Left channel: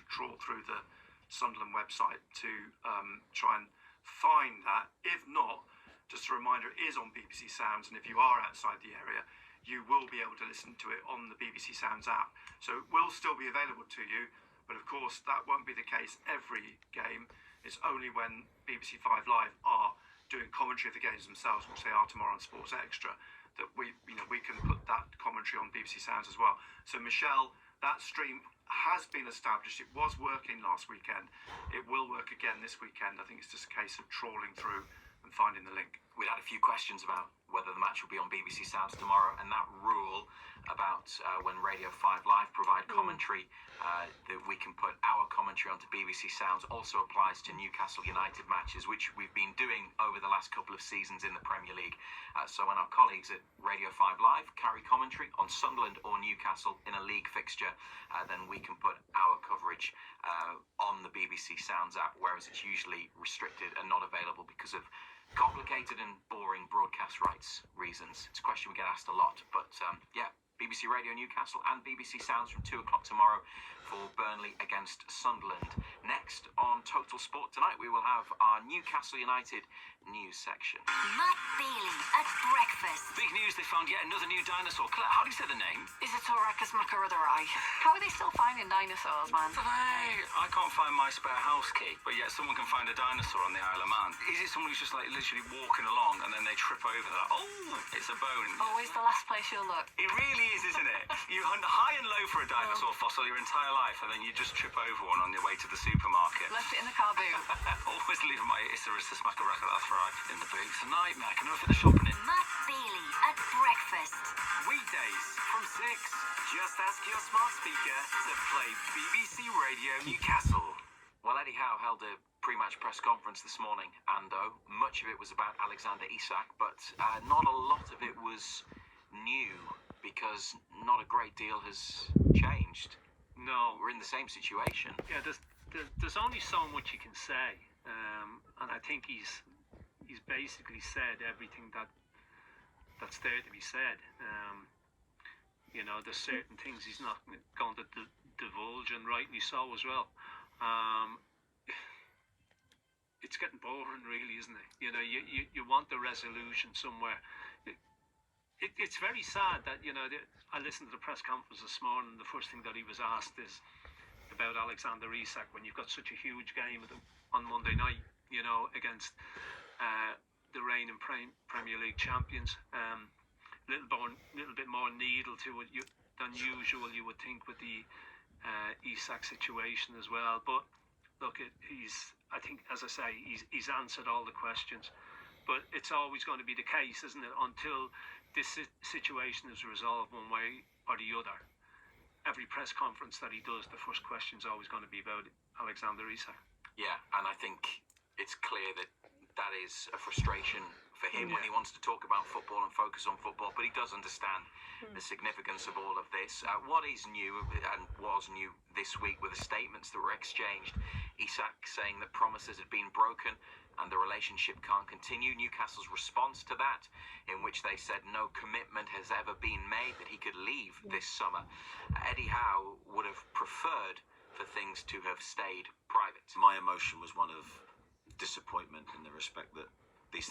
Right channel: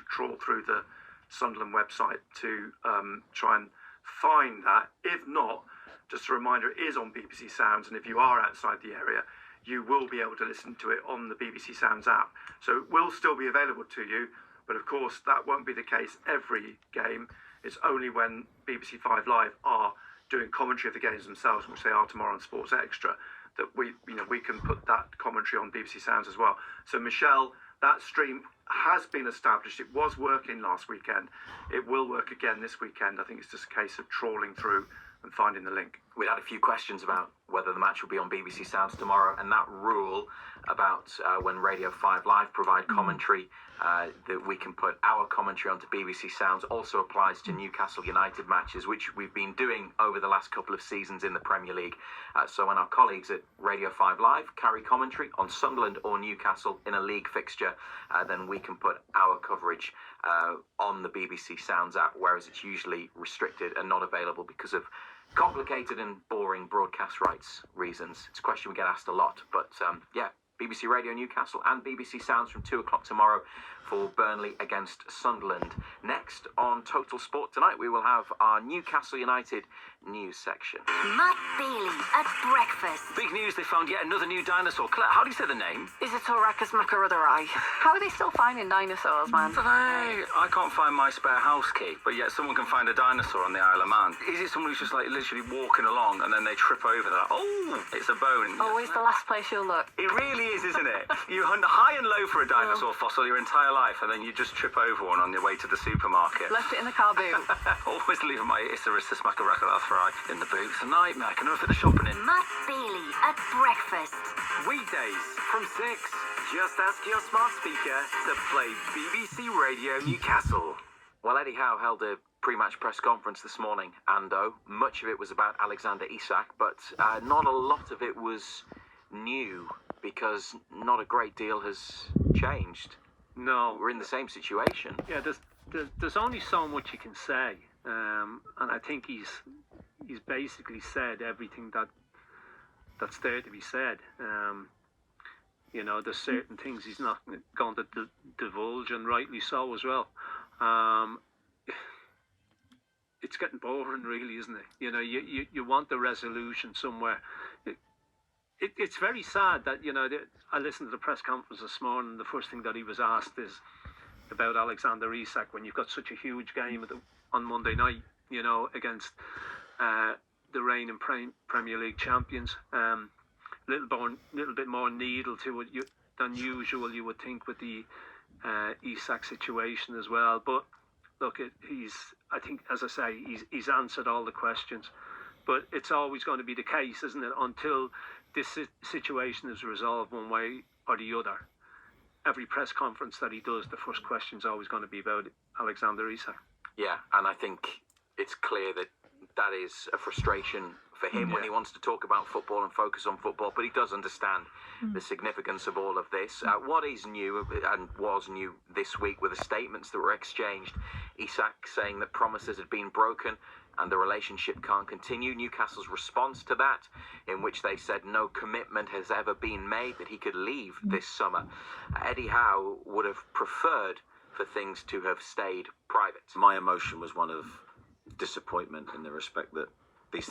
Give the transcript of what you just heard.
to trawl through the Sunderland website to try and find that. If not, just a reminder, it is on BBC Sounds, and if you are outside the area, you will be able to listen to it on the BBC Sounds app. So it will still be available to you, but of course that won't be the case every game. It's only when BBC 5 Live are doing commentary of the games themselves, which they are tomorrow on Sports Extra, that we can put that commentary on BBC Sounds as well. So Michelle, that stream has been established. It was working last weekend. It will work again this weekend. I think it's just a case of trawling through and finding the link. We had a few questions about whether the match will be on BBC Sounds tomorrow, and that rule about when Radio 5 Live provide commentary, that we can put our commentary onto BBC Sounds, also applies to Newcastle United matches, which we've been doing over the last couple of seasons in the Premier League. So when our colleagues at Radio 5 Live carry commentary on Sunderland or Newcastle in a league fixture, then we can put our coverage on the BBC Sounds app, whereas it's usually restricted and not available because of complicated and boring broadcast rights reasons. It's a question we get asked a lot, but BBC Radio Newcastle and BBC Sounds from 2 o'clock tomorrow for Burnley against Sunderland. Next on Total Sport tonight, we will have our Newcastle United news section. Matt Bailey at breakfast. Big news, they found yet another new dinosaur. Claire, how do you say the name? Is it Toracus macarutherai? How are they still finding dinosaurs, man? I can't find my spare house key, but yet someone can find a dinosaur on the Isle of Man. Is it someone who's just like literally walking along and then they trip over that? Oh, it's a bone. Always the last place you'll look. It really is, isn't it? You hunt high and low for a dinosaur fossil your entire life, and then you just trip over one on your way to the supermarket. Left it in the car boot. Always leaving my Isaristus macarutherai in the boot. It's a nightmare. I can never fit the shopping in. Matt Bailey at breakfast. Weekdays from 6. Just ask your smart speaker to play BBC Radio Newcastle. Well, Eddie Howe held a pre-match press conference this morning, and much of it was about Alexander Isak, but not a lot of it was new, because not a great deal has changed. No. We're in the same situation. Yeah, there's only so much you can say, and I think he's basically said everything that's there to be said. There's certain things he's not going to divulge, and rightly so as well. It's getting boring, really, isn't it? You want the resolution somewhere. It's very sad that, I listened to the press conference this morning. The first thing that he was asked is about Alexander Isak, when you've got such a huge game on Monday night, against the reigning Premier League champions. Little bit more needle to it than usual, you would think, with the Isak situation as well. But look, I think, as I say, he's answered all the questions. But it's always going to be the case, isn't it, until this situation is resolved one way or the other. Every press conference that he does, the first question is always going to be about Alexander Isak. Yeah, and I think it's clear that is a frustration for him when he wants to talk about football and focus on football, but he does understand the significance of all of this. What is new and was new this week were the statements that were exchanged. Isak saying that promises had been broken and the relationship can't continue. Newcastle's response to that, in which they said no commitment has ever been made that he could leave this summer. Eddie Howe would have preferred for things to have stayed private. My emotion was one of disappointment, in the respect that these things